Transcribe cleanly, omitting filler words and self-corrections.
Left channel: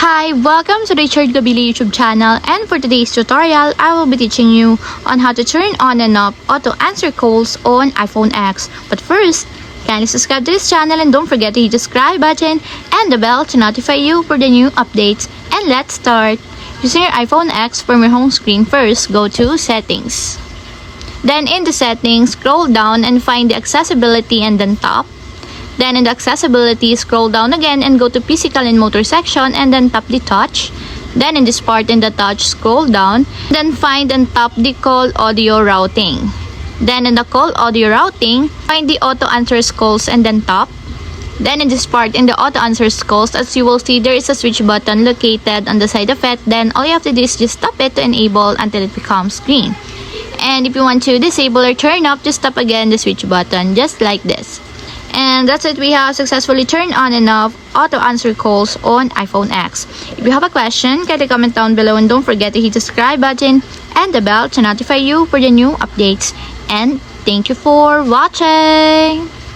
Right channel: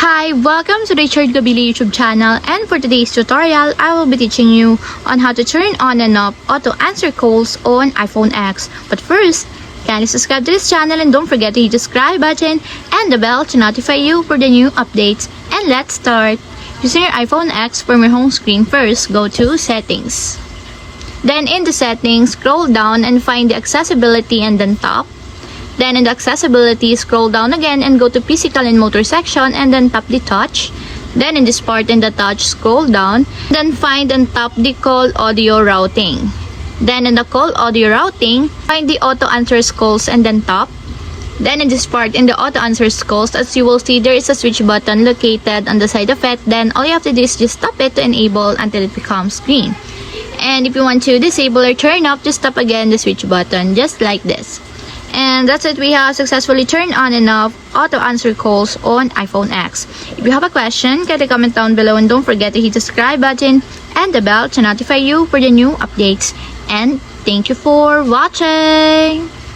Hi, welcome to the Richard Gabili YouTube channel, and for today's tutorial, I will be teaching you on how to turn on and off auto answer calls on iPhone X. But first, kindly subscribe to this channel and don't forget to hit the subscribe button and the bell to notify you for the new updates. And let's start. Using your iPhone X from your home screen, first go to Settings. Then in the Settings, scroll down and find the Accessibility and then Tap. Then in the Accessibility, scroll down again and go to Physical and Motor section and then tap the Touch. Then in this part in the Touch, scroll down, then find and tap the Call Audio Routing. Then in the Call Audio Routing, find the Auto Answers Calls and then tap. Then in this part in the Auto Answers Calls, as you will see, there is a switch button located on the side of it. Then all you have to do is just tap it to enable until it becomes green. And if you want to disable or turn off, just tap again the switch button, just like this. And that's it, we have successfully turned on and off auto answer calls on iPhone X. If you have a question, kindly comment down below and don't forget to hit the subscribe button and the bell to notify you for the new updates. And thank you for watching!